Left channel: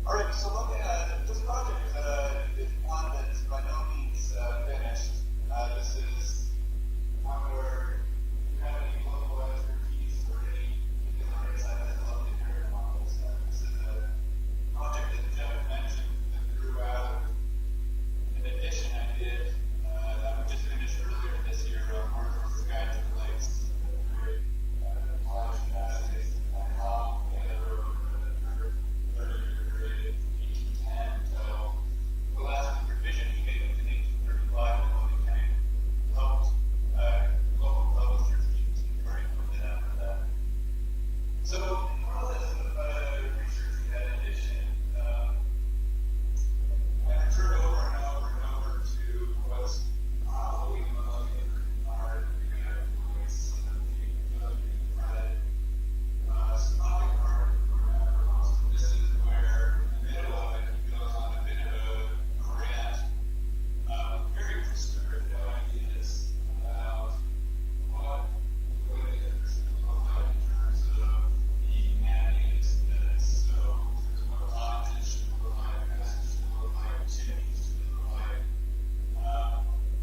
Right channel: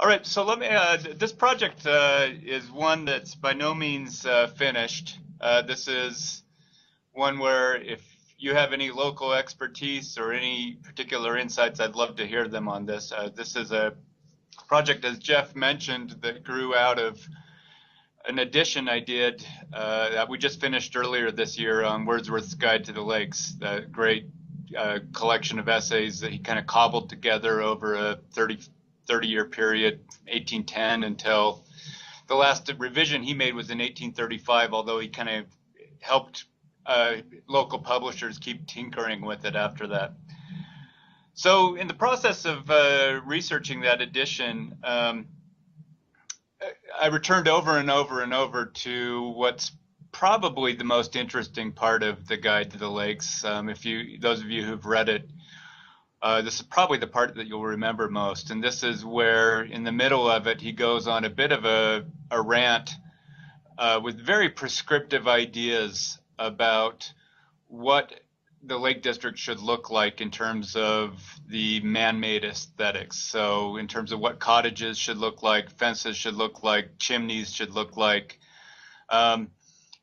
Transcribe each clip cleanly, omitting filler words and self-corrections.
All right, so let me, this project is one that's by no means finished. This is one where if you have any local expertise or any particular insights, I'd love to hear them on this. This is a project, as Jeff mentioned, that grew out of an edition I did that we just finished earlier this year on Wordsworth's Guide to the Lakes, that great collection of essays that he kind of cobbled together over a 30-year period, 1810 until the last revision he made was in 1835, although he kind of helped local publishers keep tinkering with it after that. So in the process of researching that edition, I returned over and over and over to what's probably the most interesting part of the Guide to the Lakes. Those of you who've read it, this is probably the part that you'll remember most. And this is where, in the middle of it, he goes on a bit of a rant with very prescriptive ideas about what the Lake District should look like in terms of the man-made aesthetics. So in terms of what cottages should look like, fences should look like, chimneys should look like.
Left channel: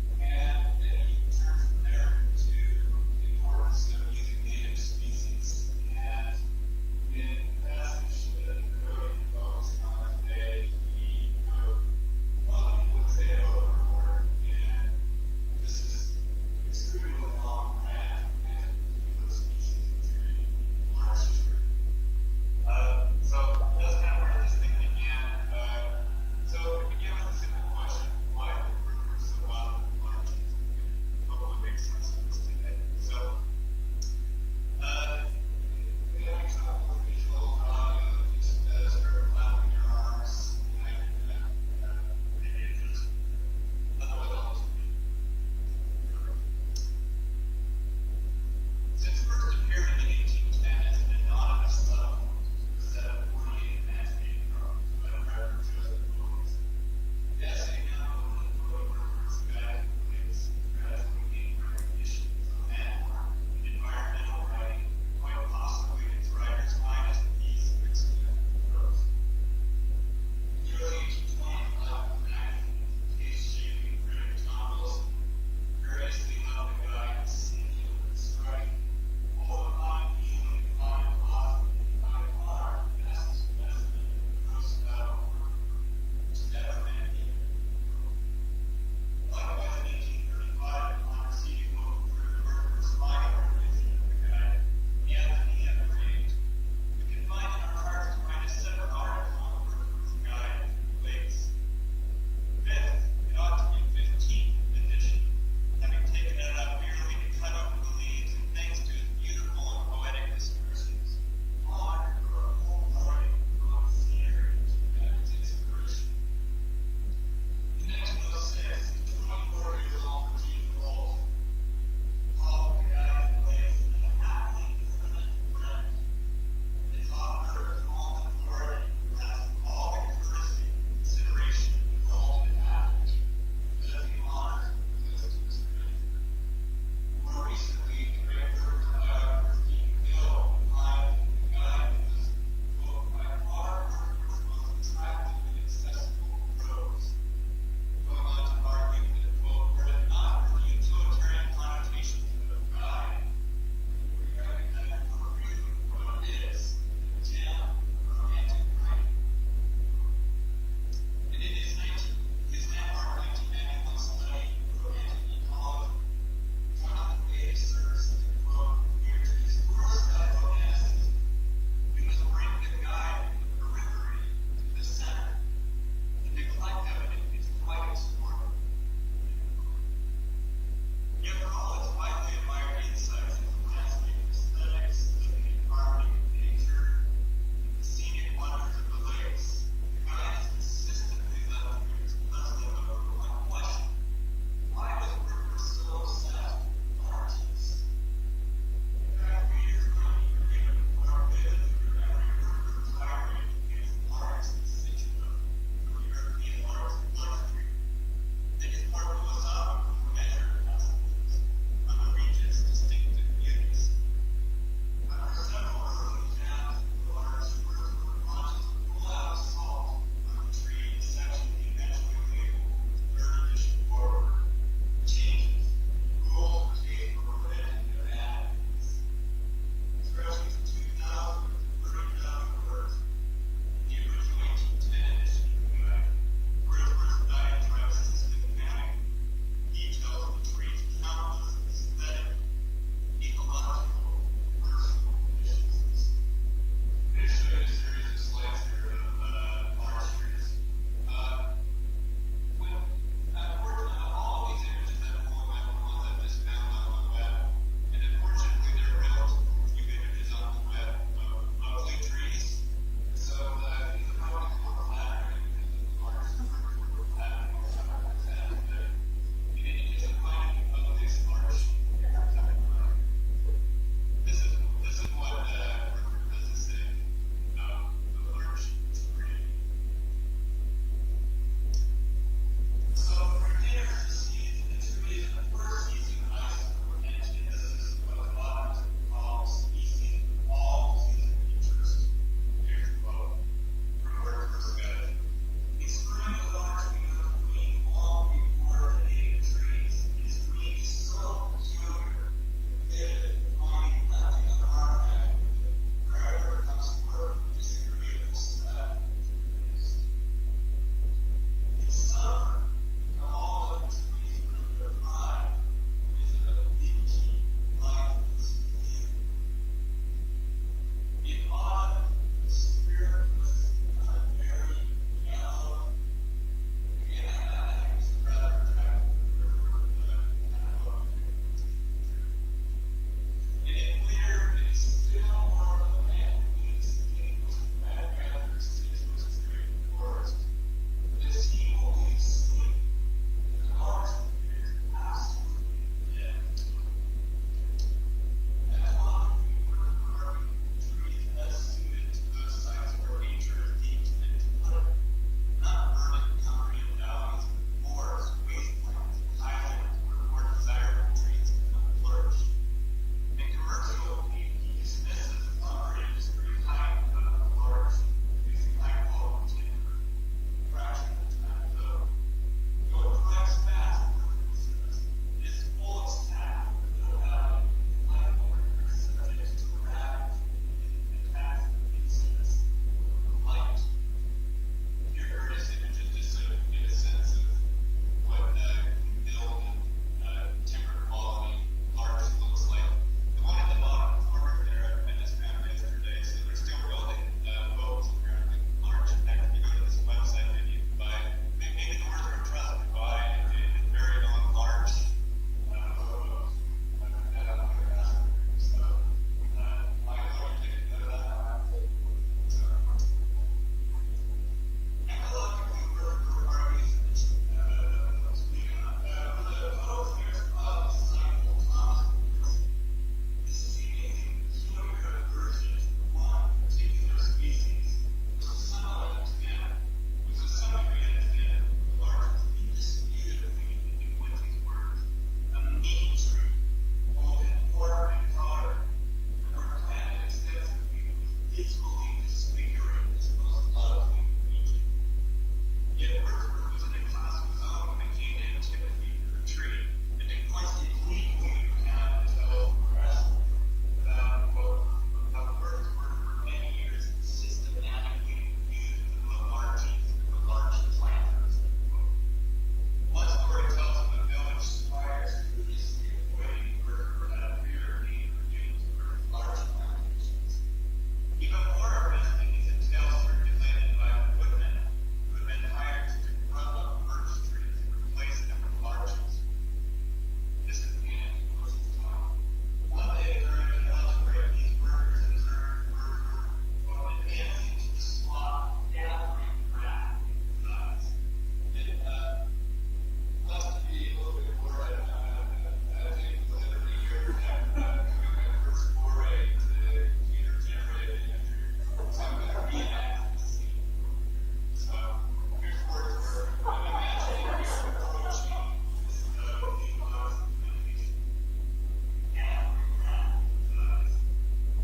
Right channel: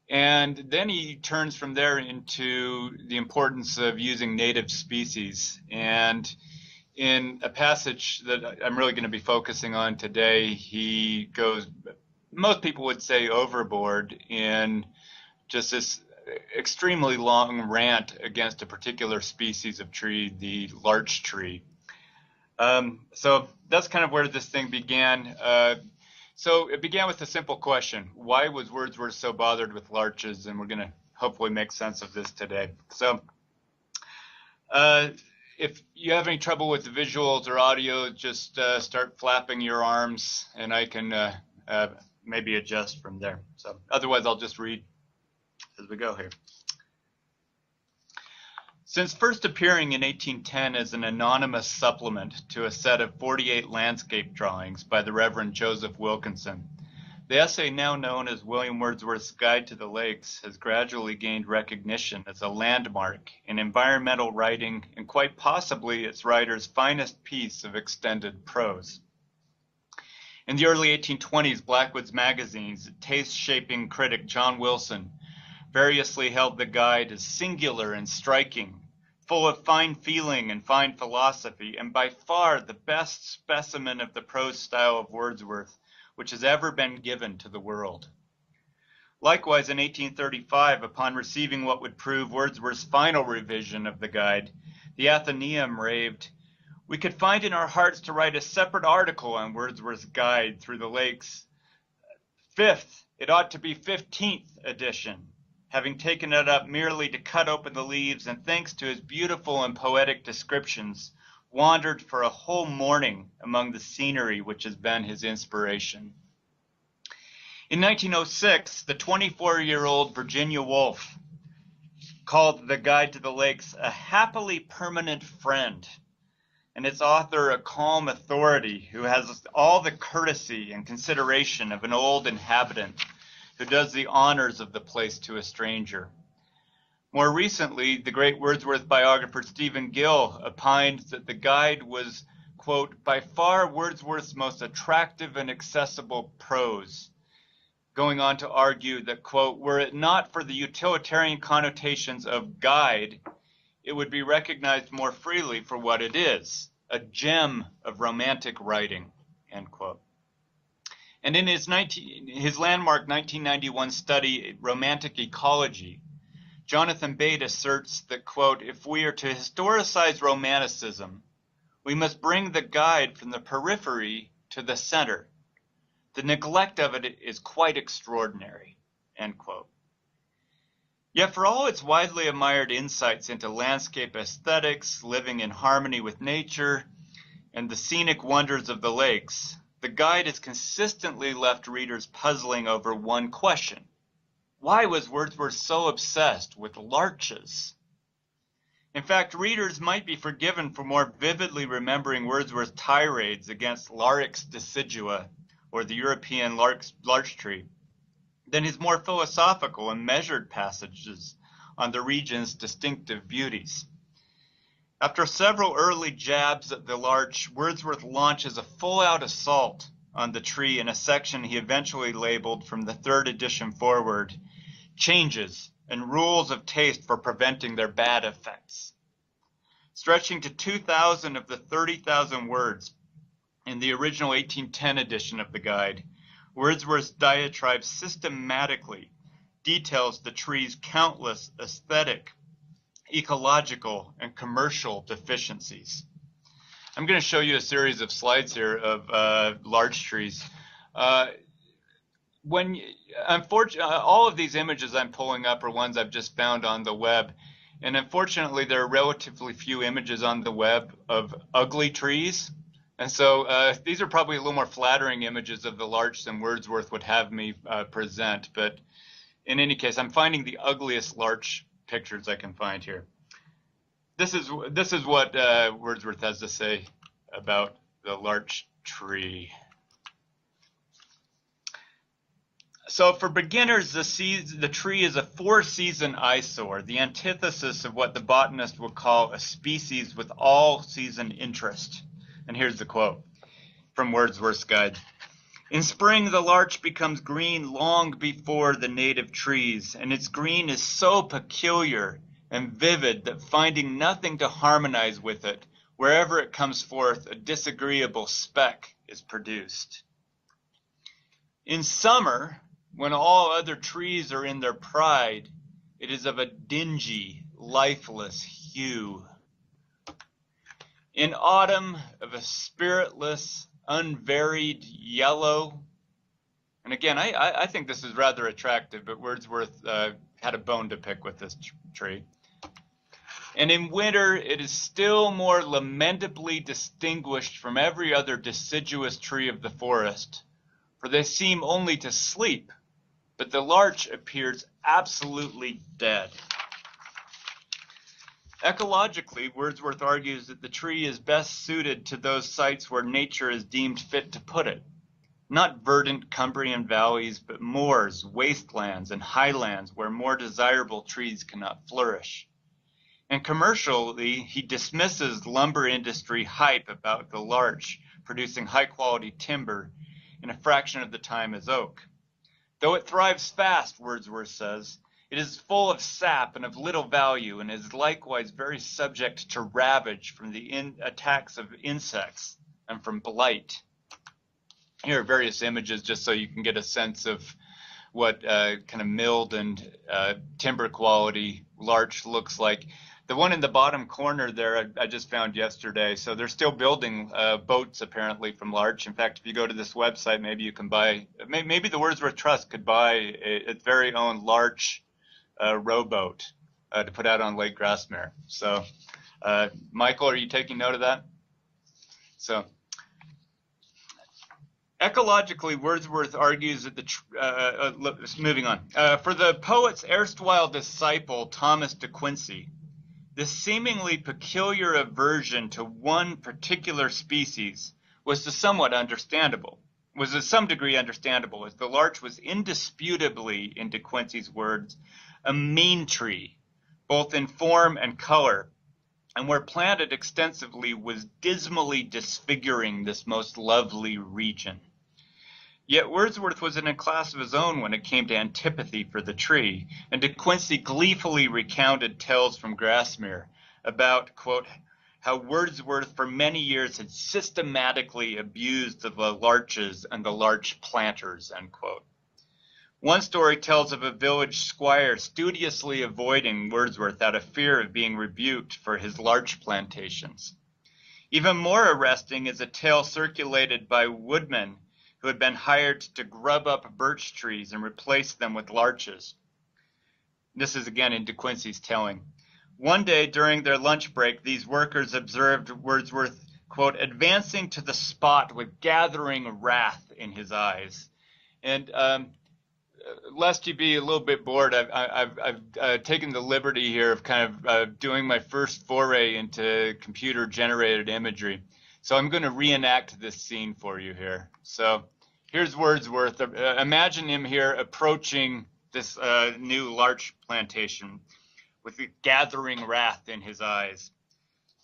And then he turns from there into the importance of using native species. And in a passage that I'm really going to be focusing on today, he goes, most people would say overboard, in just this extremely long rant against a particular species of tree, the larch tree. So that's kind of where this thing began. So it began with a simple question: why was Wordsworth so bothered with larches? And we're going to hopefully make sense of this today. So if you have any trouble with the visuals or audio, just start flapping your arms and I can maybe adjust from there. So otherwise I'll just read as we go here. Since first appearing in 1810 as an anonymous supplement to a set of 48 landscape drawings by the Reverend Joseph Wilkinson, the essay now known as William Wordsworth's Guide to the Lakes has gradually gained recognition as a landmark in environmental writing and quite possibly its writer's finest piece of extended prose. In the early 1820s, Blackwood's magazines, taste-shaping critic John Wilson variously held the guide as singular and striking, full of fine feeling and fine philosophy, and by far the best specimen of the prose style of Wordsworth which has ever been given to the world. Likewise, in 1835, upon receiving what would prove Wordsworth's final revision of the guide, the Athenaeum raved, "We could find in our hearts to write a separate article on Wordsworth's Guide through the Lakes. Fifth, it ought to be 15th edition, having taken it up merely to cut open the leaves, and thanks to his beautiful and poetic descriptions, wandered for a whole morning among the scenery which has been his inspiration." In 1906, the 24-year-old Virginia Woolf called the Guide to the Lakes a happily permanent friend, and its author a calm authority who has all the courtesy and consideration of an old inhabitant who does the honors of the place to a stranger. More recently, the great Wordsworth biographer Stephen Gill opined that the guide was, quote, by far Wordsworth's most attractive and accessible prose, going on to argue that, quote, were it not for the utilitarian connotations of guide, it would be recognized more freely for what it is, a gem of romantic writing, end quote. And in his landmark 1991 study, Romantic Ecology, Jonathan Bate asserts that, quote, if we are to historicize Romanticism, we must bring the guide from the periphery to the center. The neglect of it is quite extraordinary, end quote. Yet for all its widely admired insights into landscape aesthetics, living in harmony with nature, and the scenic wonders of the lakes, the guide has consistently left readers puzzling over one question. Why was Wordsworth so obsessed with larches? In fact, readers might be forgiven for more vividly remembering Wordsworth's tirades against Larix decidua, or the European larch tree, than his more philosophical and measured passages on the region's distinctive beauties. After several early jabs at the larch, Wordsworth launches a full-out assault on the tree in a section he eventually labeled from the third edition forward, Changes and Rules of Taste for Preventing Their Bad Effects. Stretching to 2,000 of the 30,000 words in the original 1810 edition of the guide, Wordsworth's diatribe systematically details the tree's countless aesthetic, ecological, and commercial deficiencies. I'm going to show you a series of slides here of larch trees. All of these images I'm pulling up are ones I've just found on the web, and unfortunately there are relatively few images on the web of ugly trees, and so these are probably a little more flattering images of the larch than Wordsworth would have me present, but in any case, I'm finding the ugliest larch pictures I can find here. This is what Wordsworth has to say about the larch tree. So for beginners, the tree is a four-season eyesore, the antithesis of what the botanist would call a species with all-season interest. And here's the quote from Wordsworth's guide. In spring, the larch becomes green long before the native trees, and its green is so peculiar and vivid that finding nothing to harmonize with it, wherever it comes forth, a disagreeable speck is produced. In summer, when all other trees are in their pride, it is of a dingy, lifeless hue. In autumn, of a spiritless, unvaried yellow. And again, I think this is rather attractive, but Wordsworth had a bone to pick with this tree. And in winter, it is still more lamentably distinguished from every other deciduous tree of the forest, for they seem only to sleep, but the larch appears absolutely dead. Ecologically, Wordsworth argues that the tree is best suited to those sites where nature is deemed fit to put it. Not verdant Cumbrian valleys, but moors, wastelands, and highlands where more desirable trees cannot flourish. And commercially, he dismisses lumber industry hype about the larch producing high-quality timber in a fraction of the time as oak. Though it thrives fast, Wordsworth says, it is full of sap and of little value, and is likewise very subject to ravage from the attacks of insects and from blight. Here are various images just so you can get a sense of what kind of milled and timber quality larch looks like. The one in the bottom corner there I just found yesterday, so they're still building boats apparently from larch. In fact, if you go to this website, maybe you can buy, maybe the Wordsworth Trust could buy its very own larch rowboat to put out on Lake Grassmere. So, Michael, are you taking note of that? So, ecologically, Wordsworth argues that moving on. For the poet's erstwhile disciple, Thomas de Quincey, this seemingly peculiar aversion to one particular species was to some degree understandable, as the larch was indisputably, in De Quincey's words, a mean tree, both in form and color, and where planted extensively was dismally disfiguring this most lovely region. Yet Wordsworth was in a class of his own when it came to antipathy for the tree, and De Quincey gleefully recounted tales from Grassmere about, quote, how Wordsworth for many years had systematically abused the larches and the larch planters, end quote. One story tells of a village squire studiously avoiding Wordsworth out of fear of being rebuked for his larch plantations. Even more arresting is a tale circulated by woodmen who had been hired to grub up birch trees and replace them with larches. This is again in De Quincey's telling. One day during their lunch break, these workers observed Wordsworth, quote, advancing to the spot with gathering wrath in his eyes. And lest you be a little bit bored, I've taken the liberty here of kind of doing my first foray into computer-generated imagery. So I'm going to reenact this scene for you here. So here's Wordsworth. Imagine him here approaching this new larch plantation with the gathering wrath in his eyes.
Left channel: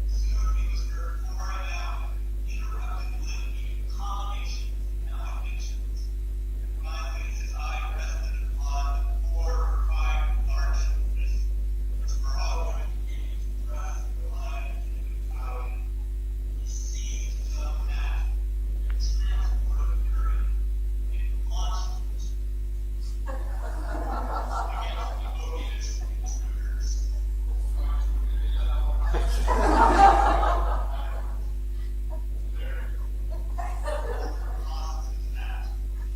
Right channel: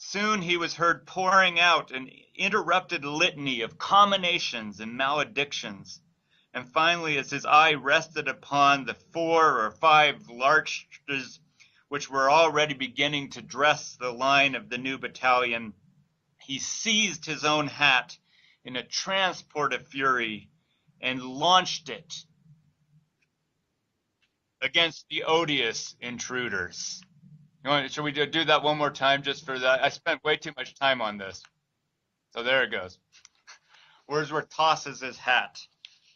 Soon he was heard pouring out an interrupted litany of comminations and maledictions. And finally, as his eye rested upon the 4 or 5 larches which were already beginning to dress the line of the new battalion, he seized his own hat in a transport of fury and launched it against the odious intruders. Should we do that one more time just for that? I spent way too much time on this. So there it goes. Wordsworth tosses his hat,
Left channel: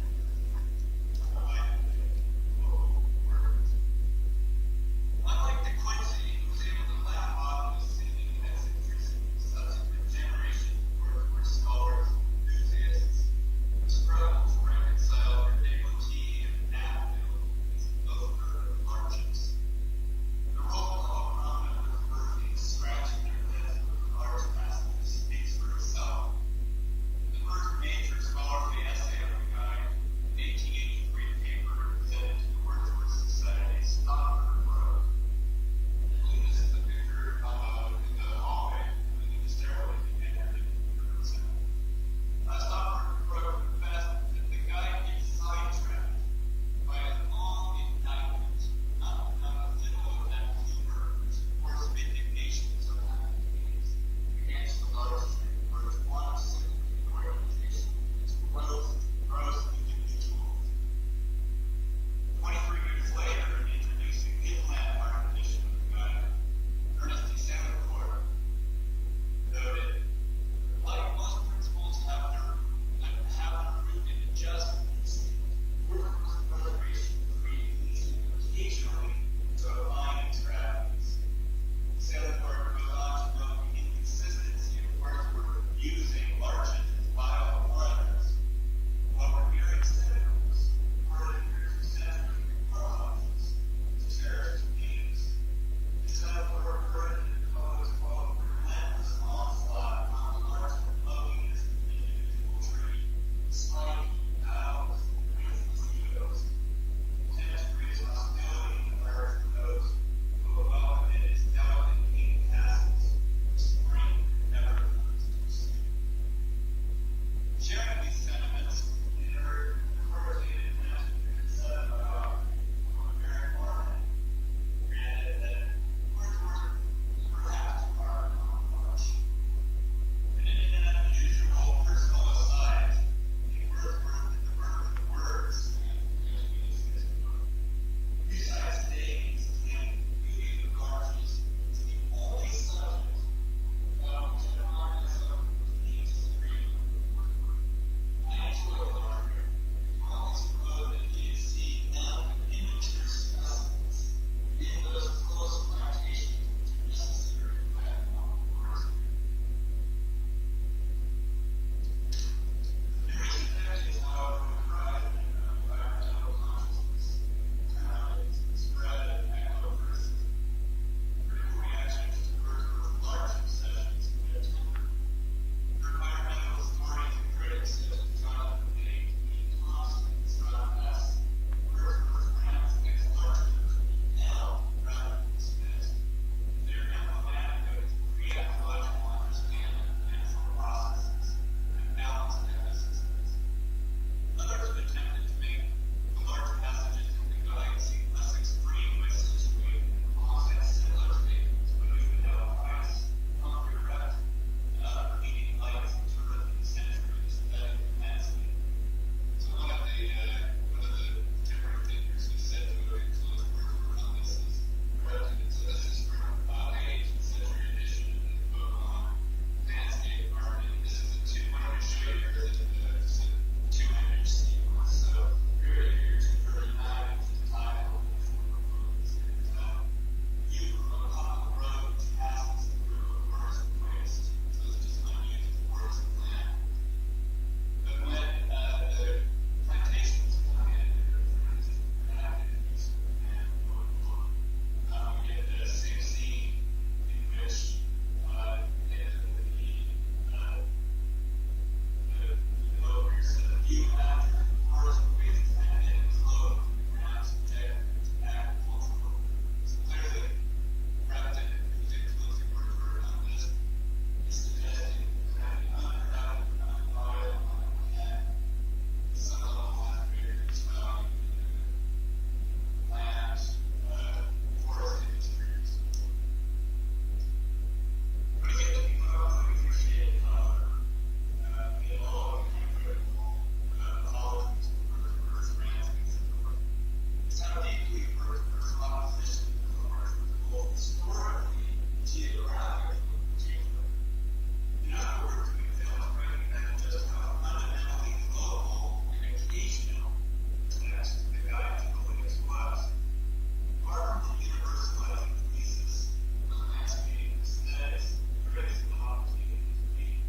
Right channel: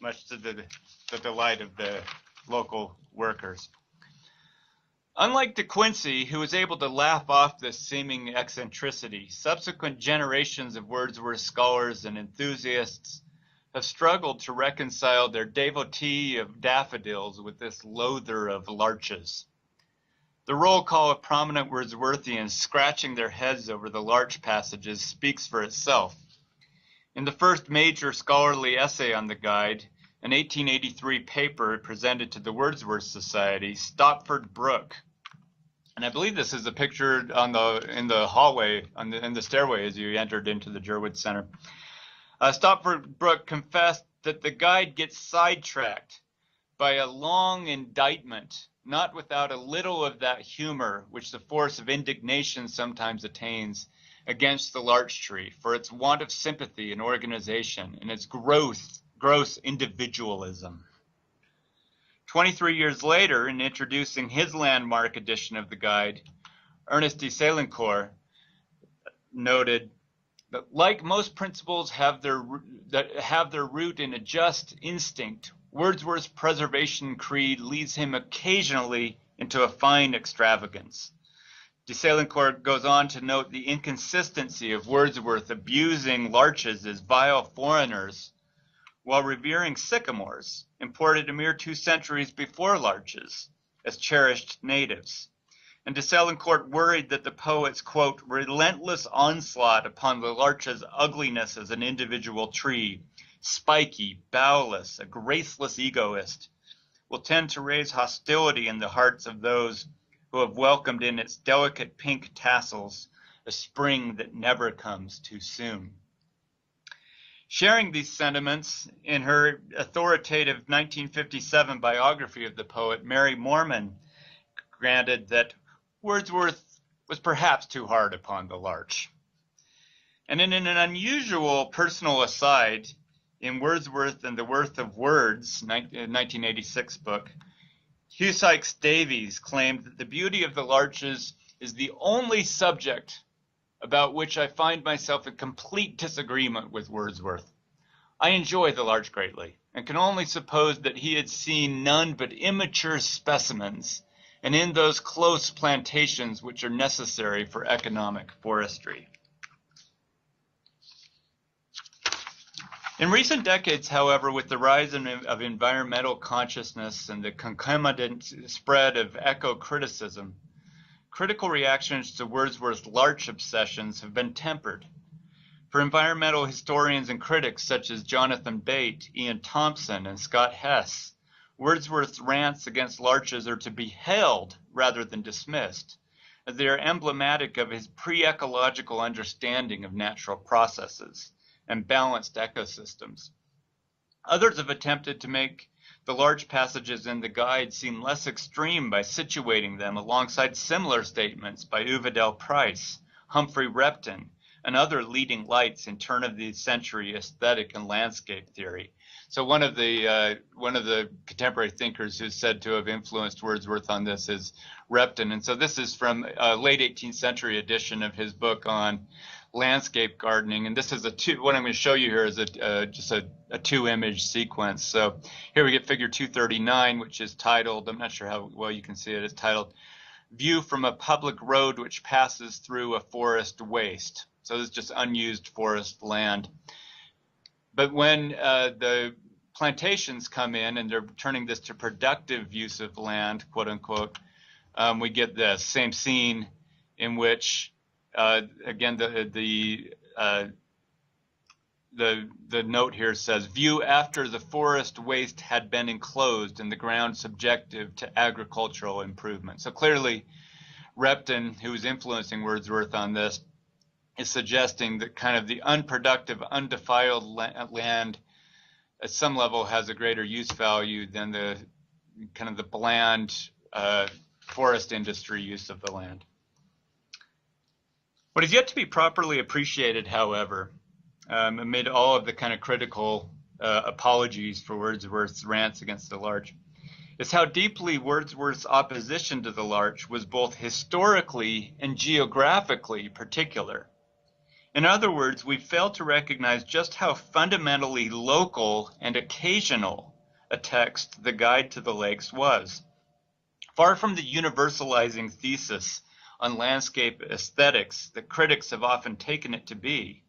much to the delight of the local workers. Unlike De Quincey, who was able to laugh off this seeming eccentricity, subsequent generations of Wordsworth scholars and enthusiasts have struggled to reconcile their devotee of daffodils with this loather of larches. The roll call of prominent Wordsworthians scratching their heads over the larch passages speaks for itself. In the first major scholarly essay on the guide, an 1883 paper presented to the Wordsworth Society, Stopford Brook, and I believe this is the picture in the hallway, in the stairway as you entered into the Jerwood Center. Stopford Brook confessed that the guide gets sidetracked by a long indictment, not without a little of that humor which the force of indignation sometimes attains against the larch tree for its want of sympathy and organization and its gross individualism. 23 years later, in introducing his landmark edition of the guide, Ernest de Selincourt noted that like most principles that have their root in a just instinct, Wordsworth's preservation creed leads him occasionally into a fine extravagance. De Selincourt goes on to note the inconsistency of Wordsworth abusing larches as vile foreigners while revering sycamores, imported a mere 2 centuries before larches, as cherished natives. And de Selincourt worried that the poet's, quote, relentless onslaught upon the larch's ugliness as an individual tree, spiky, bowless, a graceless egoist, will tend to raise hostility in the hearts of those who have welcomed in its delicate pink tassels a spring that never comes too soon. Sharing these sentiments in her authoritative 1957 biography of the poet, Mary Moorman granted that Wordsworth was perhaps too hard upon the larch. And in an unusual personal aside, in Wordsworth and the Worth of Words, 1986 book, Hugh Sykes Davies claimed that the beauty of the larches is the only subject about which I find myself in complete disagreement with Wordsworth. I enjoy the larch greatly, and can only suppose that he had seen none but immature specimens, and in those close plantations which are necessary for economic forestry. In recent decades, however, with the rise of environmental consciousness and the concomitant spread of eco-criticism, critical reactions to Wordsworth's larch obsessions have been tempered. For environmental historians and critics such as Jonathan Bate, Ian Thompson, and Scott Hess, Wordsworth's rants against larches are to be hailed rather than dismissed, as they are emblematic of his pre-ecological understanding of natural processes and balanced ecosystems. Others have attempted to make the large passages in the guide seem less extreme by situating them alongside similar statements by Uvedell Price, Humphrey Repton, and other leading lights in turn-of-the-century aesthetic and landscape theory. So one of the contemporary thinkers who's said to have influenced Wordsworth on this is Repton. And so this is from a late 18th century edition of his book on landscape gardening. And this is what I'm going to show you here is just a 2-image sequence. So here we get figure 239, which is titled, I'm not sure how well you can see it, it's titled View from a Public Road Which Passes Through a Forest Waste. So this is just unused forest land. But when the plantations come in and they're turning this to productive use of land, quote unquote, we get this same scene in which, again, the note here says, view after the forest waste had been enclosed and the ground subjective to agricultural improvement. So clearly, Repton, who was influencing Wordsworth on this, is suggesting that kind of the unproductive, undefiled land at some level has a greater use value than the kind of the bland forest industry use of the land. What is yet to be properly appreciated, however, amid all of the kind of critical apologies for Wordsworth's rants against the larch, is how deeply Wordsworth's opposition to the larch was both historically and geographically particular. In other words, we fail to recognize just how fundamentally local and occasional a text The Guide to the Lakes was. Far from the universalizing thesis on landscape aesthetics that critics have often taken it to be,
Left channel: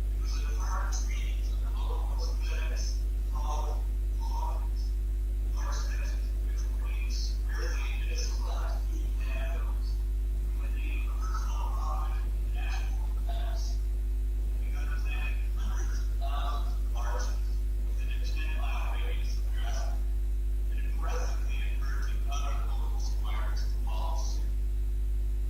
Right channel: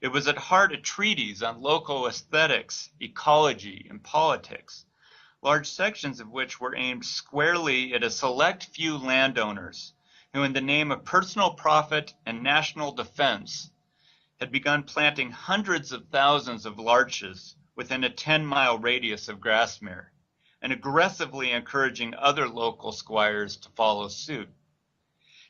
it was at heart a treatise on local aesthetics, ecology, and politics, large sections of which were aimed squarely at a select few landowners who, in the name of personal profit and national defense, had begun planting hundreds of thousands of larches within a 10-mile radius of Grasmere, and aggressively encouraging other local squires to follow suit.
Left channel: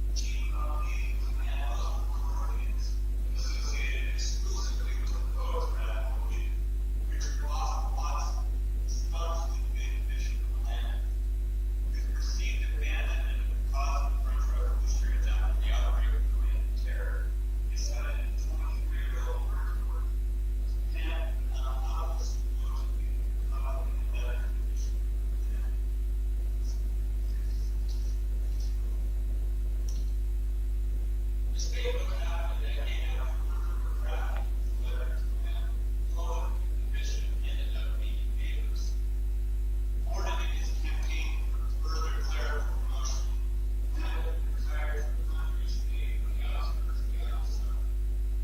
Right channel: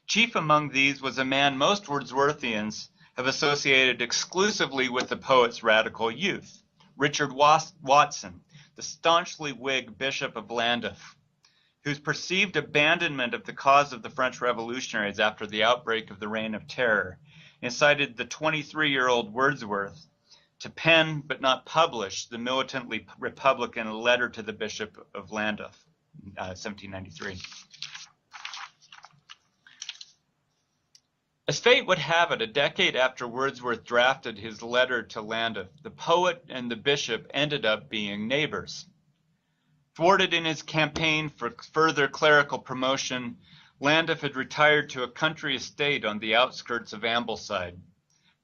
Chief among these was a man most Wordsworthians have associated exclusively with the poet's radical youth, Richard Watson, the staunchly Whig Bishop of Llandaff, whose perceived abandonment of the cause of the French revolutionaries after the outbreak of the Reign of Terror incited the 23-year-old Wordsworth to pen but not publish the militantly Republican letter to the Bishop of Llandaff, 1793. As fate would have it, a decade after Wordsworth drafted his letter to Llandaff, the poet and the bishop ended up being neighbors. Thwarted in his campaign for further clerical promotion, Llandaff had retired to a country estate on the outskirts of Ambleside,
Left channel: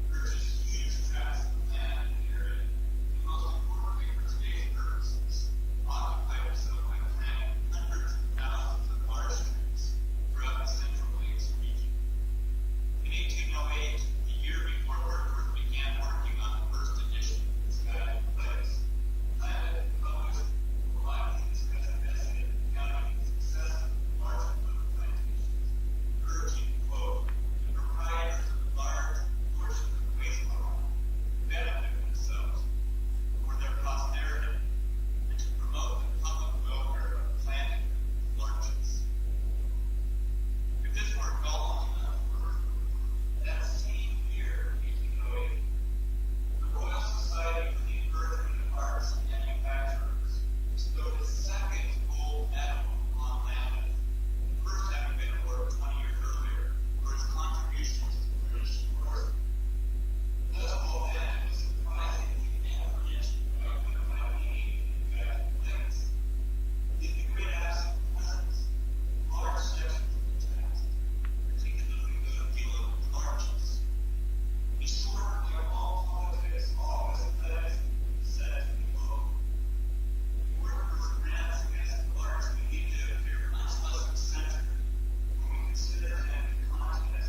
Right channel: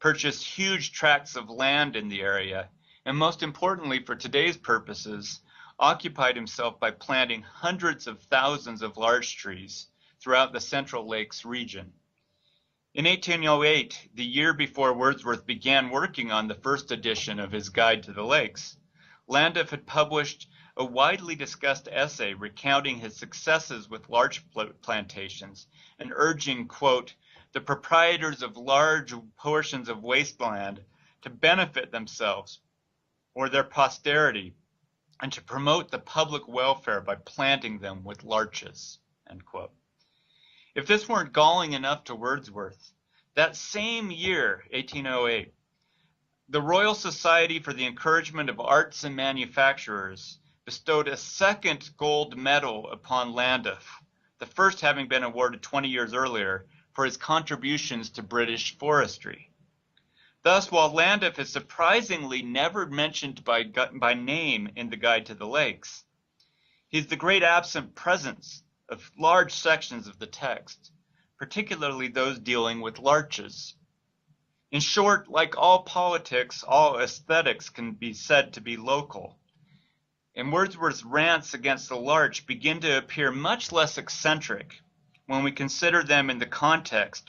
purchased huge tracts of land in the area, and most importantly for today's purposes, occupied himself by planting hundreds of thousands of larch trees throughout the Central Lakes region. In 1808, the year before Wordsworth began working on the first edition of his Guide to the Lakes, Llandaff had published a widely discussed essay recounting his successes with larch plantations and urging, quote, the proprietors of large portions of wasteland to benefit themselves or their posterity and to promote the public welfare by planting them with larches, end quote. If this weren't galling enough to Wordsworth, that same year, 1808, the Royal Society for the Encouragement of Arts and Manufacturers bestowed a second gold medal upon Llandaff, the first having been awarded 20 years earlier for his contributions to British forestry. Thus, while Llandaff is surprisingly never mentioned by name in the Guide to the Lakes, he's the great absent presence of large sections of the text, particularly those dealing with larches. In short, like all politics, all aesthetics can be said to be local. And Wordsworth's rants against the larch begin to appear much less eccentric when we consider them in the context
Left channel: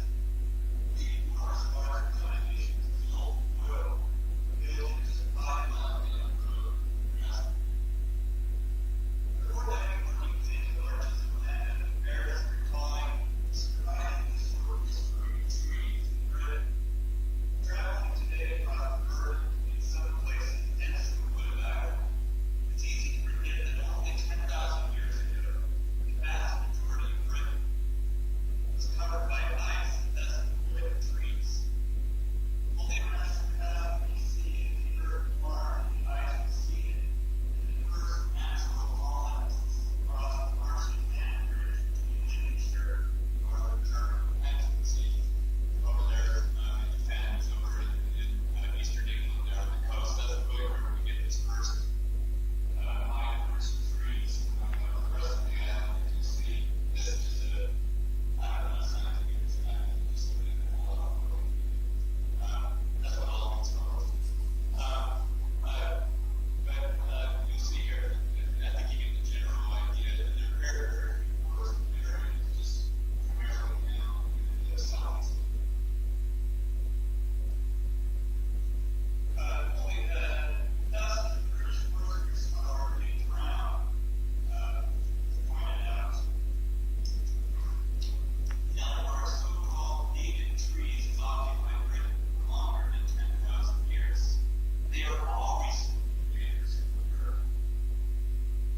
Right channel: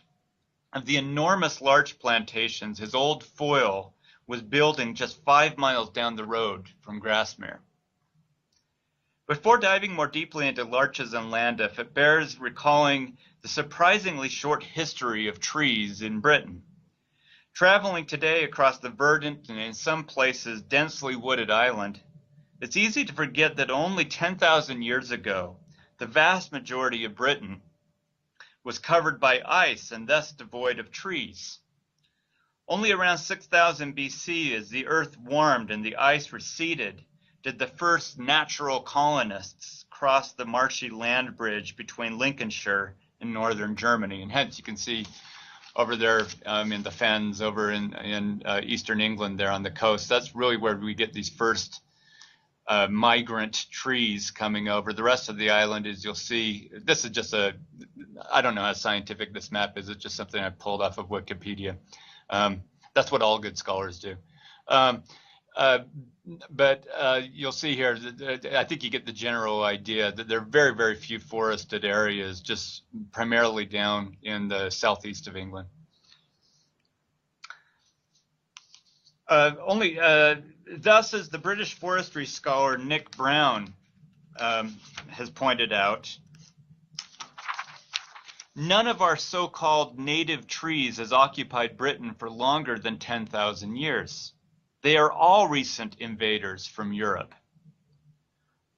of the enormous larch plantations his old foil was building just 5 miles down the road from Grasmere. Before diving more deeply into larches and Llandaff, it bears recalling the surprisingly short history of trees in Britain. Traveling today across the verdant and in some places densely wooded island, it's easy to forget that only 10,000 years ago, the vast majority of Britain was covered by ice and thus devoid of trees. Only around 6000 BC, as the earth warmed and the ice receded, did the first natural colonists cross the marshy land bridge between Lincolnshire and northern Germany. And hence you can see over there in the fens over in eastern England there on the coast, that's really where we get these first migrant trees coming over. The rest of the island, as you'll see, this is just I don't know how scientific this map is, it's just something I pulled off of Wikipedia. That's what all good scholars do. But you'll see here, I think you get the general idea that there are very, very few forested areas, just primarily down in the southeast of England. Thus, as the British forestry scholar Nick Brown has pointed out, none of our so-called native trees has occupied Britain for longer than 10,000 years. They are all recent invaders from Europe.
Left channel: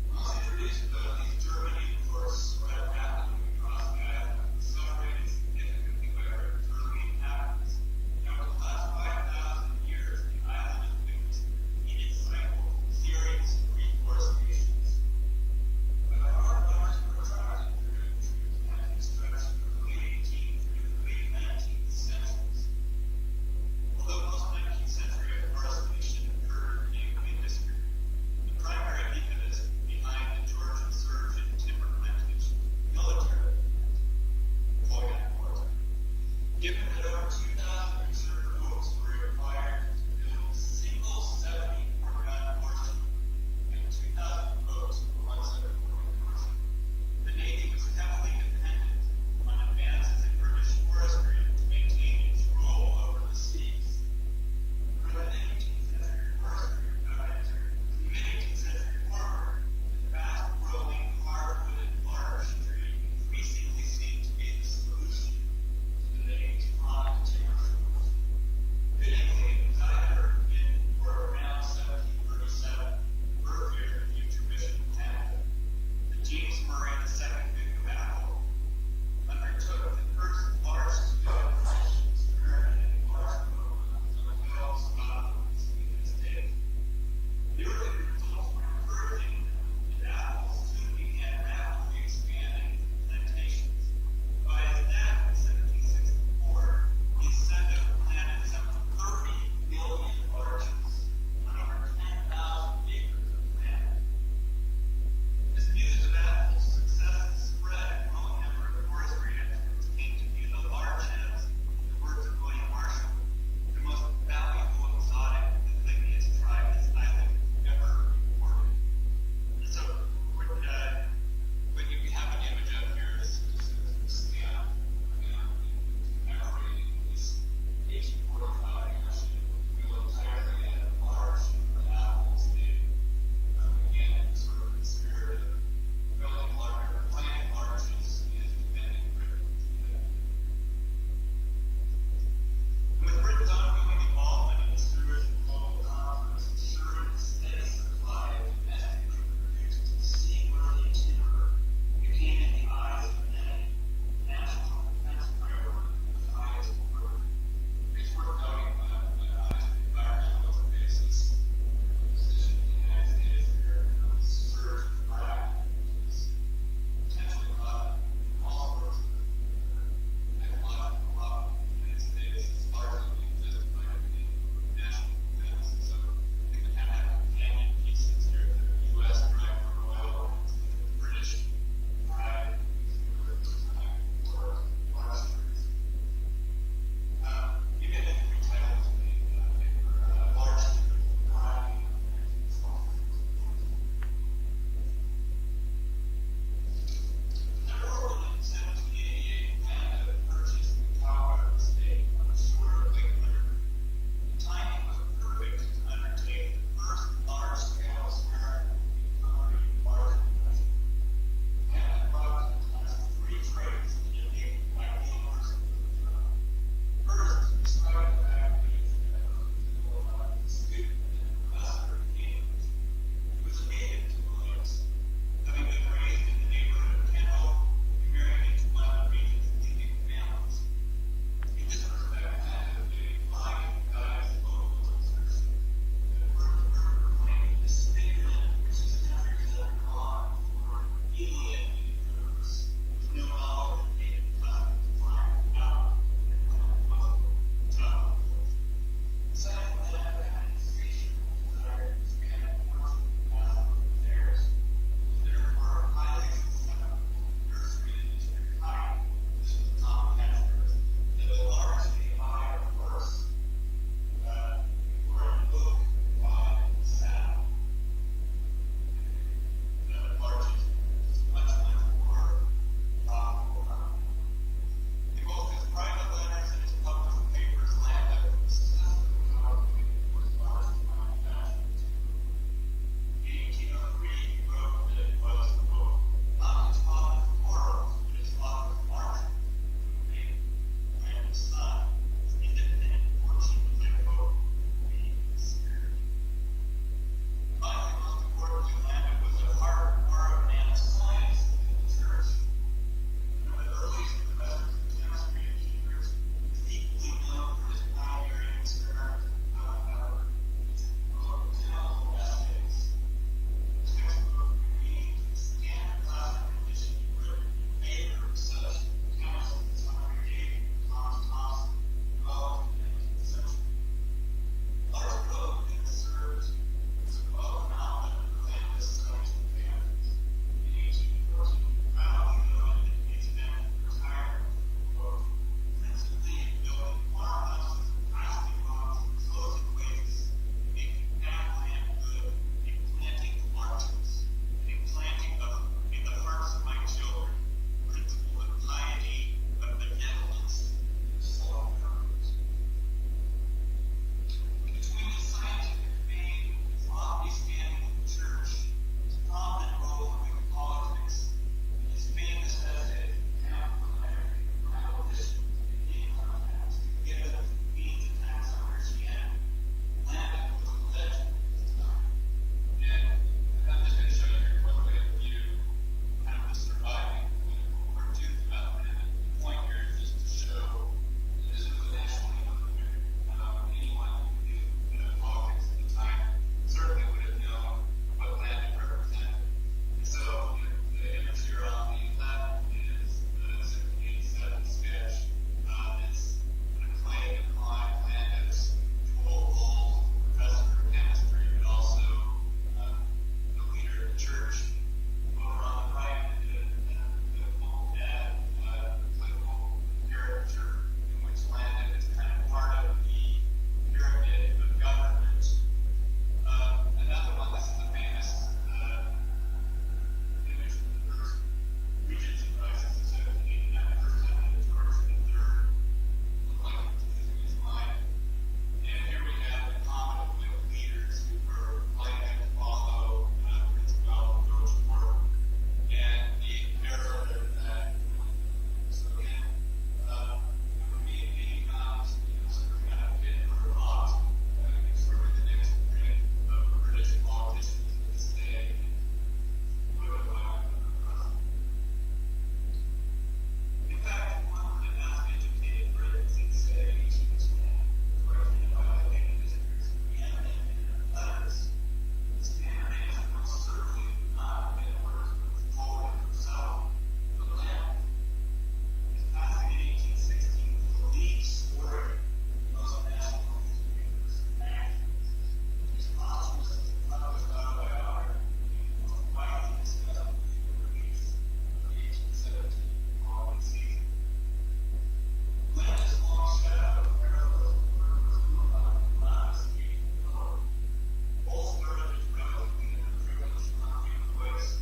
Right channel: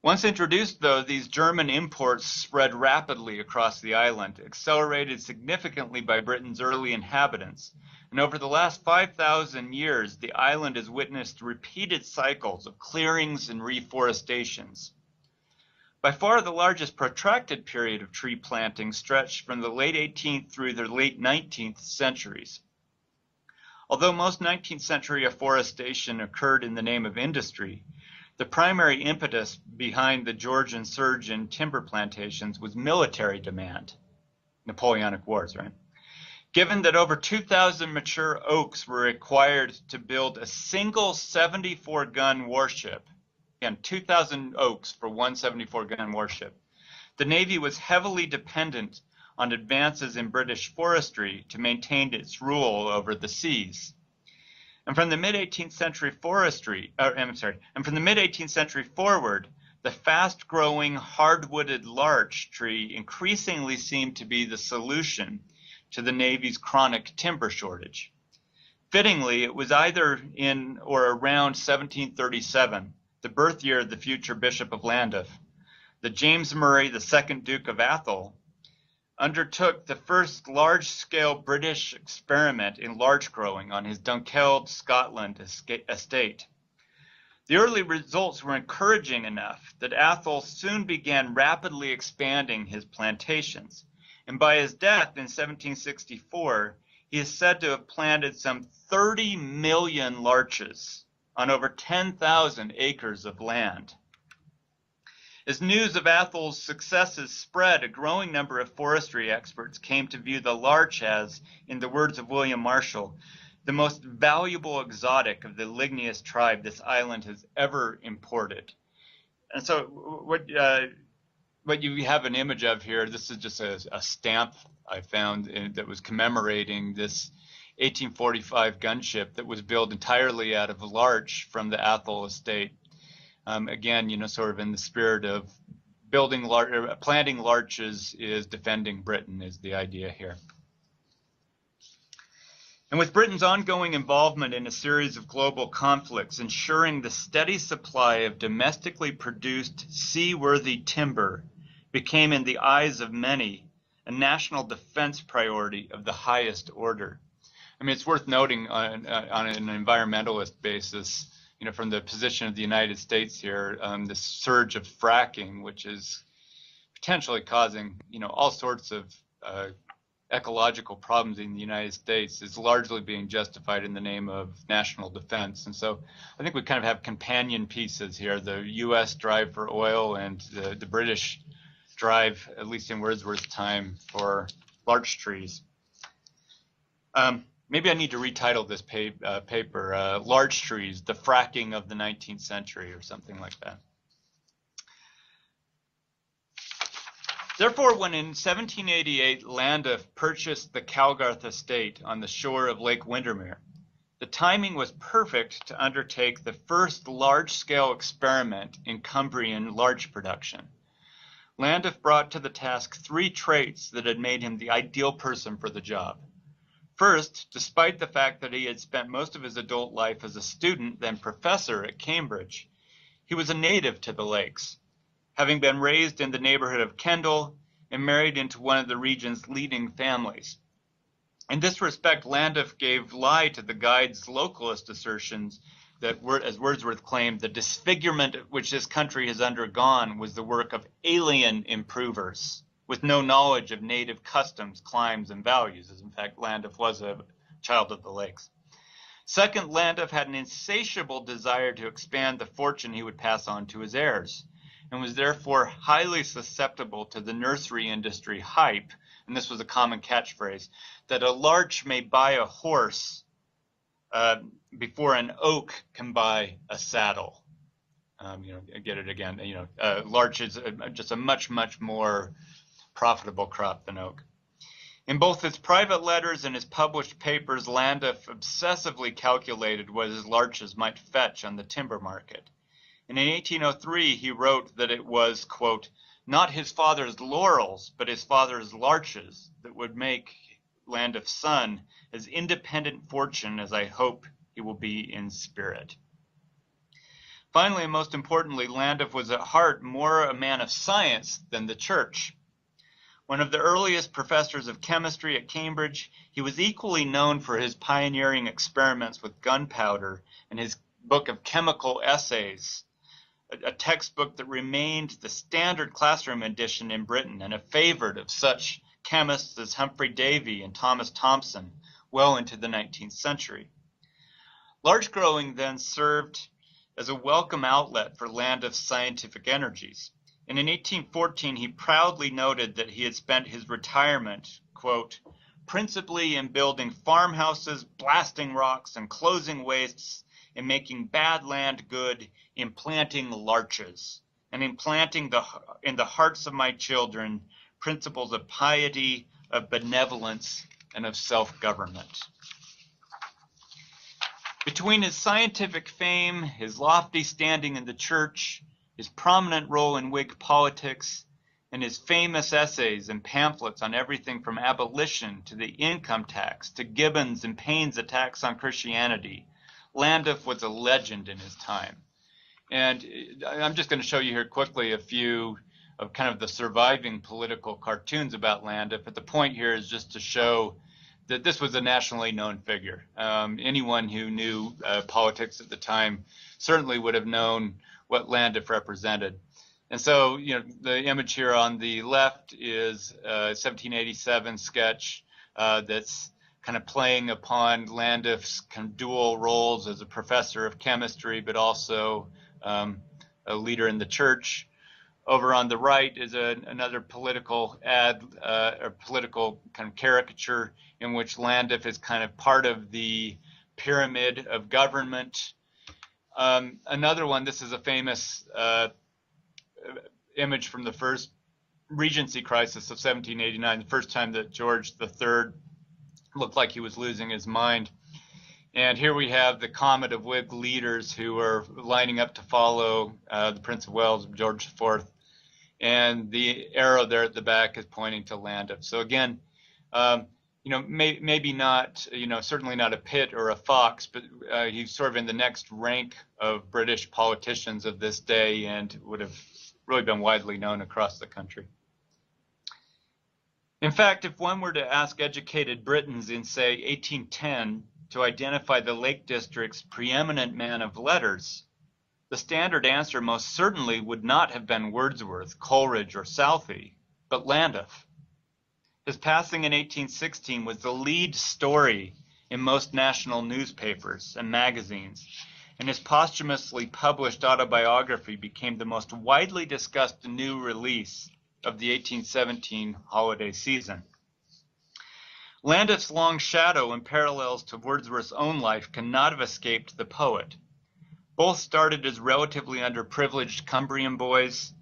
Once introduced, though, these German imports spread rapidly across the island, accelerated significantly by Britain's early inhabitants. And over the last 5,000 years, the island has witnessed repeated cycles of clearings and reforestations. By far the largest protracted period of tree planting stretched from the late 18th through the late 19th centuries. Although most 19th century afforestation occurred in the name of industry, the primary impetus behind the Georgian surge in timber plantations was military demand. Napoleonic Wars, right? Given that over 2,000 mature oaks were required to build a single 74-gun warship, again, 2,000 oaks for one 74-gun warship, the Navy was heavily dependent on advances in British forestry to maintain its rule over the seas. And from the mid-18th century forward, the fast-growing hardwooded larch tree increasingly seemed to be the solution to the Navy's chronic timber shortage. Fittingly, it was either in or around 1737, the birth year of the future Bishop of Llandaff, that James Murray, the second Duke of Athol, undertook the first large-scale British experiment in larch growing on his Dunkeld, Scotland estate. The early results were encouraging enough that Athol soon began rapidly expanding his plantations, and by his death in 1764, he is said to have planted some 30 million larches on over 10,000 acres of land. As news of Athol's successes spread, a growing number of forestry experts came to view the larch as, in the words of William Marshall, the most valuable exotic of the ligneous tribe this island has ever imported. And so what you have an image of here, this is just a stamp I found that was commemorating this 1845 gunship that was built entirely out of larch from the Athol estate. Again, sort of in the spirit of planting larches is defending Britain is the idea here. And with Britain's ongoing involvement in a series of global conflicts, ensuring the steady supply of domestically produced seaworthy timber became, in the eyes of many, a national defense priority of the highest order. I mean, it's worth noting on an environmentalist basis, from the position of the United States here, this surge of fracking, which is potentially causing, all sorts of ecological problems in the United States, is largely being justified in the name of national defense. And so I think we kind of have companion pieces here, the US drive for oil and the British drive, at least in Wordsworth's time, for larch trees. Maybe I need to retitle this paper, Larch Trees, the Fracking of the 19th Century, or something like that. Therefore, when in 1788 Llandaff purchased the Calgarth estate on the shore of Lake Windermere, the timing was perfect to undertake the first large-scale experiment in Cumbrian larch production. Llandaff brought to the task 3 traits that had made him the ideal person for the job. First, despite the fact that he had spent most of his adult life as a student, then professor at Cambridge, he was a native to the lakes, having been raised in the neighborhood of Kendal and married into one of the region's leading families. In this respect, Llandaff gave lie to the guide's localist assertions that, as Wordsworth claimed, the disfigurement which this country has undergone was the work of alien improvers, with no knowledge of native customs, climes, and values. In fact, Llandaff was a child of the lakes. Second, Llandaff had an insatiable desire to expand the fortune he would pass on to his heirs, and was therefore highly susceptible to the nursery industry hype, and this was a common catchphrase, that a larch may buy a horse before an oak can buy a saddle. Get it again. Larch is just a much, much more profitable crop than oak. In both his private letters and his published papers, Llandaff obsessively calculated what his larches might fetch on the timber market. And in 1803, he wrote that it was, quote, not his father's laurels, but his father's larches that would make Llandaff's son as independent fortune as I hope he will be in spirit. Finally, and most importantly, Llandaff was at heart more a man of science than the church. One of the earliest professors of chemistry at Cambridge, he was equally known for his pioneering experiments with gunpowder and his book of chemical essays, a textbook that remained the standard classroom edition in Britain and a favorite of such chemists as Humphrey Davy and Thomas Thomson well into the 19th century. Larch growing then served as a welcome outlet for Llandaff's scientific energies. And in 1814, he proudly noted that he had spent his retirement, quote, principally in building farmhouses, blasting rocks, and closing wastes, in making bad land good, in planting larches, and in planting in the hearts of my children principles of piety, of benevolence, and of self-government. Between his scientific fame, his lofty standing in the church, his prominent role in Whig politics, and his famous essays and pamphlets on everything from abolition to the income tax to Gibbon's and Paine's attacks on Christianity, Llandaff was a legend in his time. And I'm just going to show you here quickly a few of kind of the surviving political cartoons about Llandaff, but the point here is just to show that this was a nationally known figure. Anyone who knew politics at the time certainly would have known what Llandaff represented. And so, the image here on the left is a 1787 sketch that's kind of playing upon Llandaff's kind of dual roles as a professor of chemistry, but also a leader in the church. Over on the right is another political ad, or political kind of caricature in which Llandaff is kind of part of the pyramid of government. Another one, this is a famous image from the first Regency crisis of 1789, the first time that George III looked like he was losing his mind. And here we have the comet of Whig leaders who are lining up to follow the Prince of Wales, George IV. And the arrow there at the back is pointing to Llandaff. So again, maybe not, certainly not a Pitt or a Fox, but he's sort of in the next rank of British politicians of this day and would have really been widely known across the country. In fact, if one were to ask educated Britons in, say, 1810 to identify the Lake District's preeminent man of letters, the standard answer most certainly would not have been Wordsworth, Coleridge, or Southey, but Llandaff. His passing in 1816 was the lead story in most national newspapers and magazines, and his posthumously published autobiography became the most widely discussed new release of the 1817 holiday season. Llandaff's long shadow and parallels to Wordsworth's own life cannot have escaped the poet. Both started as relatively underprivileged Cumbrian boys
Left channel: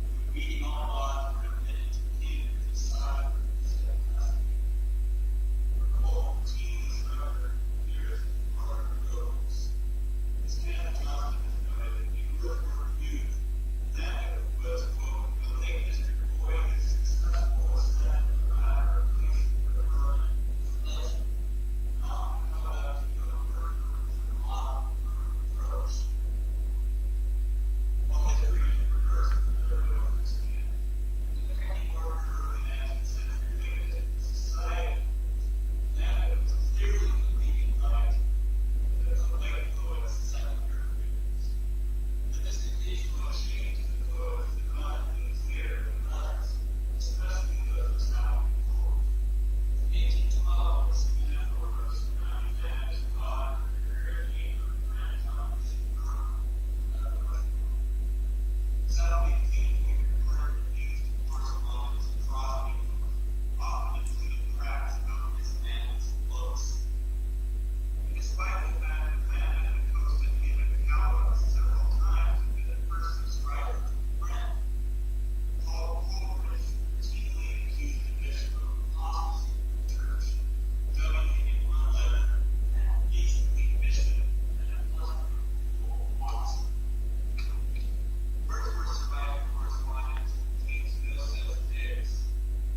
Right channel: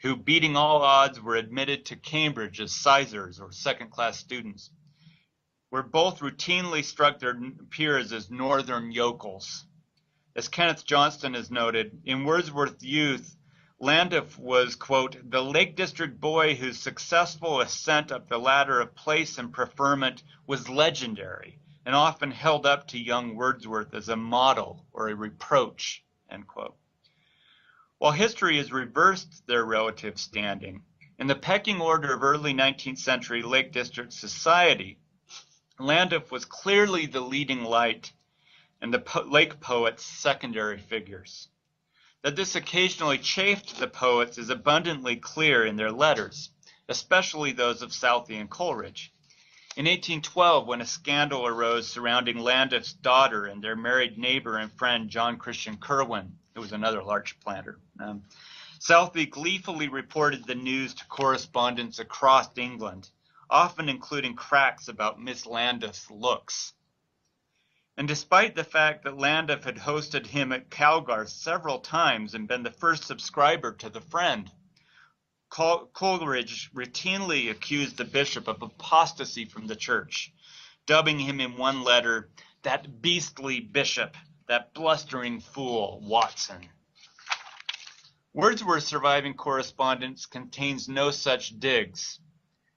who, beating all odds, were admitted to Cambridge as sizars or second-class students, where both routinely struck their peers as northern yokels. As Kenneth Johnston has noted, in Wordsworth's youth, Llandaff was, quote, the Lake District boy whose successful ascent up the ladder of place and preferment was legendary and often held up to young Wordsworth as a model or a reproach, end quote. While history has reversed their relative standing, in the pecking order of early 19th century Lake District society, Llandaff was clearly the leading light and the lake poets' secondary figures. That this occasionally chafed the poets is abundantly clear in their letters, especially those of Southey and Coleridge. In 1812, when a scandal arose surrounding Llandaff's daughter and their married neighbor and friend John Christian Curwen, who was another larch planter, Southey gleefully reported the news to correspondents across England, often including cracks about Miss Llandaff's looks. And despite the fact that Llandaff had hosted him at Calgarth several times and been the first subscriber to the Friend, Coleridge routinely accused the bishop of apostasy from the church, dubbing him in one letter, that beastly bishop, that blustering fool, Watson. Wordsworth's surviving correspondence contains no such digs,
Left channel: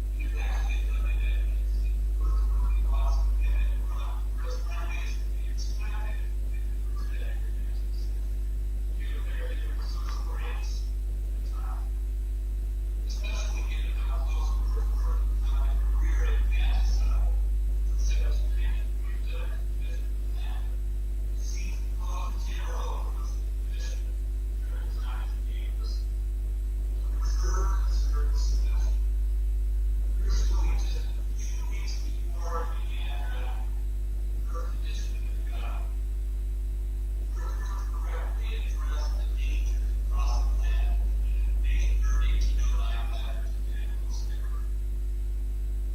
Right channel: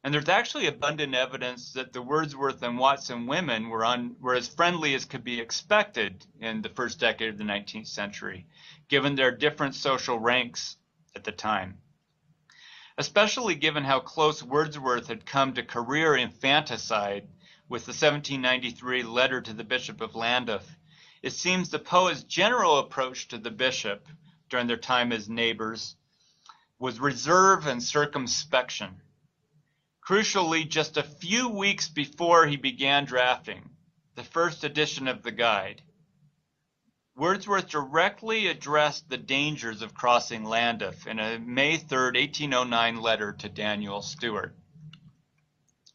And there's actually abundant evidence that the Wordsworth and Watson women were as friendly as could be expected in the first decade of the 19th century, given their different social ranks at the time. Especially given how close Wordsworth had come to career infanticide with the 1793 letter to the Bishop of Llandaff, it seems the poet's general approach to the bishop during their time as neighbors was reserve and circumspection. Crucially, just a few weeks before he began drafting the first edition of the guide, Wordsworth directly addressed the dangers of crossing Llandaff in a May 3rd, 1809 letter to Daniel Stewart.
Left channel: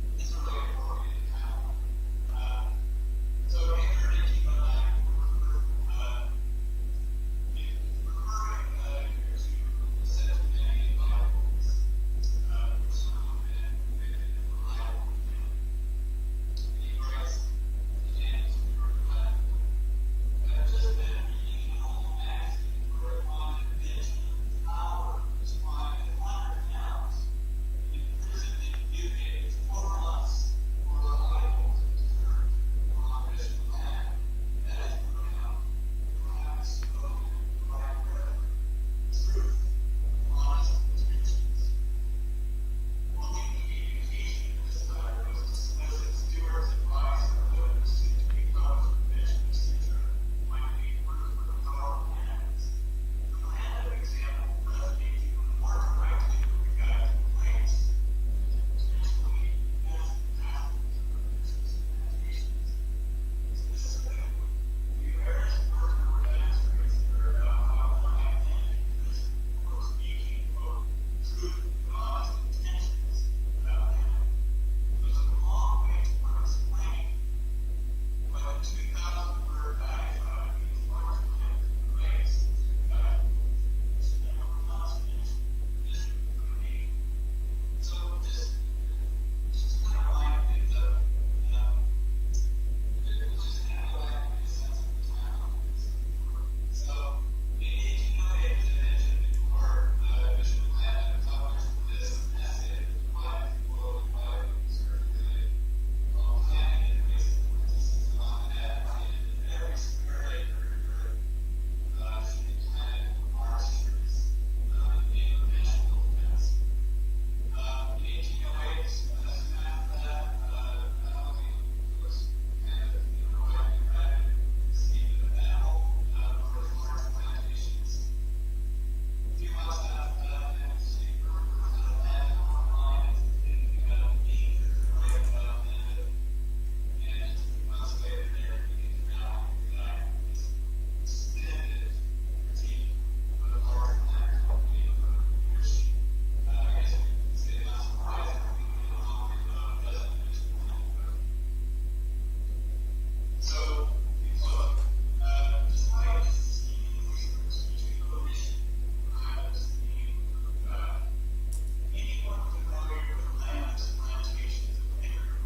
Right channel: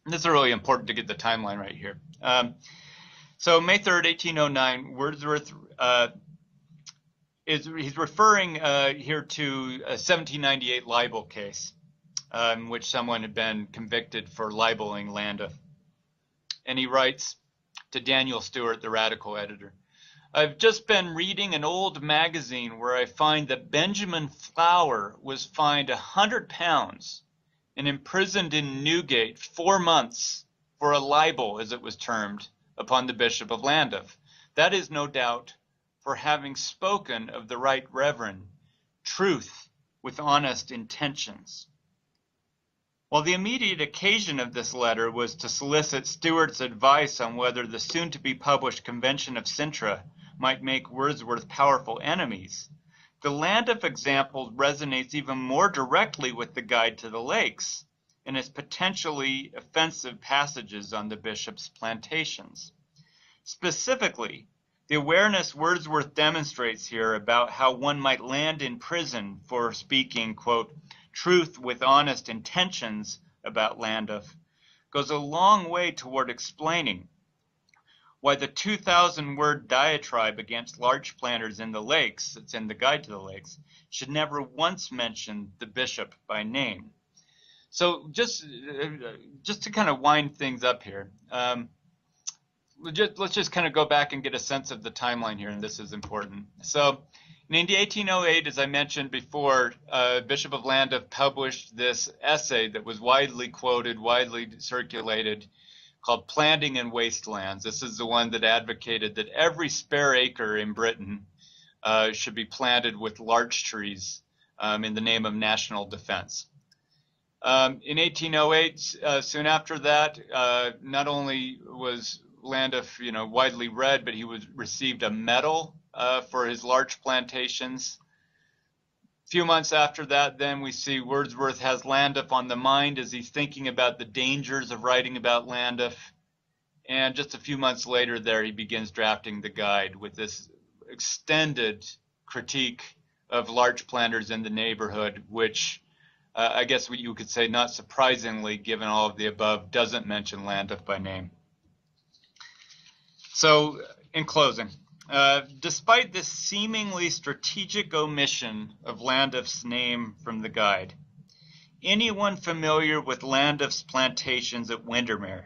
And this is really important to get the timeline right here. So May 3rd, 1809, Wordsworth, he's referring here to a 1798 libel case in which someone had been convicted for libeling Llandaff. And he writes to Daniel Stewart, the Radical editor, "I've just been reading an old magazine where I find that Benjamin Flower was fined £100 and imprisoned in Newgate 4 months for a libel, as it was termed, upon the Bishop of Llandaff. That is no doubt for having spoken of the Right Reverend, truth with honest intentions." While the immediate occasion of this letter was to solicit Stewart's advice on whether the soon-to-be-published Convention of Cintra might make Wordsworth powerful enemies, the Llandaff example resonates even more directly with the Guide to the Lakes and its potentially offensive passages on the bishop's plantations. Specifically, the awareness Wordsworth demonstrates here about how one might land in prison for speaking, quote, truth with honest intentions about Llandaff goes a long way toward explaining why the 2,000-word diatribe against larch planters in the lakes, that's in the Guide to the Lakes, should never once mention the bishop by name. So just to kind of wind things up here, let's just kind of go back and get a sense of the timeline here, and this is important. So in 1808, as I mentioned before, Bishop of Llandaff published this essay that was widely quoted, widely circulated, called Planting in Wastelands. This is the one that advocated that every spare acre in Britain should be planted with larch trees in the name of national defense. In 1808, soon after that, not only was Llandaff, widely read, but he received a medal for his larch plantations. A few months after that, then we see Wordsworth has Llandaff on the mind as he's thinking about the dangers of writing about Llandaff. And just a few months later there, he begins drafting the guide with this extended critique of larch planters in the neighborhood, which I guess what you could say, not surprisingly, given all of the above, doesn't mention Llandaff by name. So, in closing, despite this seemingly strategic omission of Llandaff's name from the guide, anyone familiar with Llandaff's plantations at Windermere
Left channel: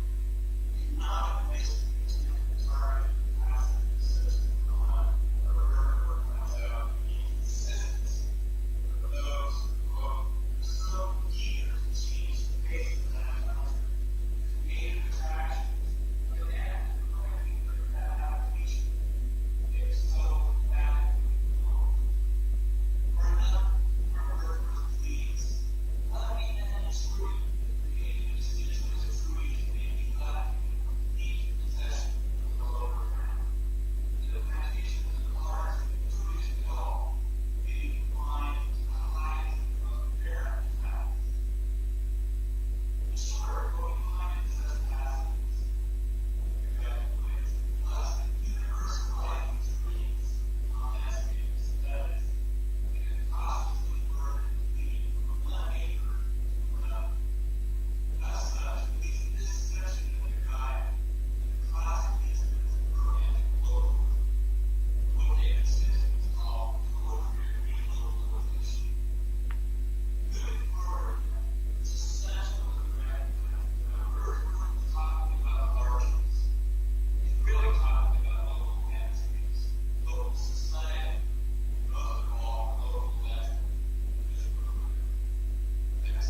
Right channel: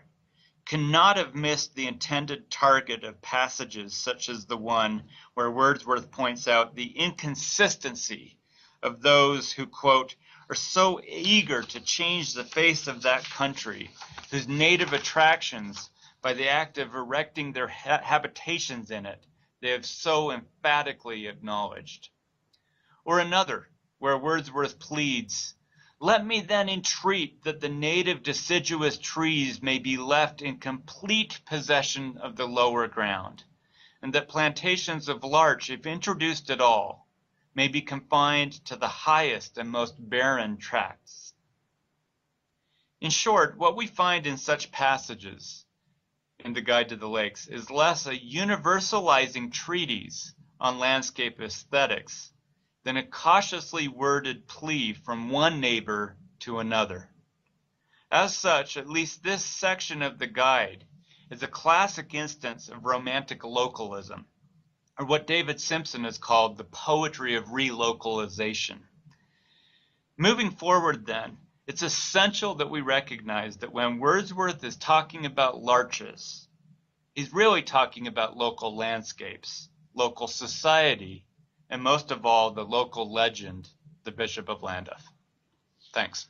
cannot have missed the intended target of passages such as the one where Wordsworth points out the inconsistency of those who, quote, are so eager to change the face of that country, whose native attractions, by the act of erecting their habitations in it, they have so emphatically acknowledged. Or another, where Wordsworth pleads, let me then entreat that the native deciduous trees may be left in complete possession of the lower ground, and that plantations of larch, if introduced at all, may be confined to the highest and most barren tracts. In short, what we find in such passages in the Guide to the Lakes is less a universalizing treatise on landscape aesthetics than a cautiously worded plea from one neighbor to another. As such, at least this section of the guide is a classic instance of romantic localism, or what David Simpson has called the poetry of relocalization. Moving forward then, it's essential that we recognize that when Wordsworth is talking about larches, he's really talking about local landscapes, local society, and most of all, the local legend, the Bishop of Llandaff. Thanks.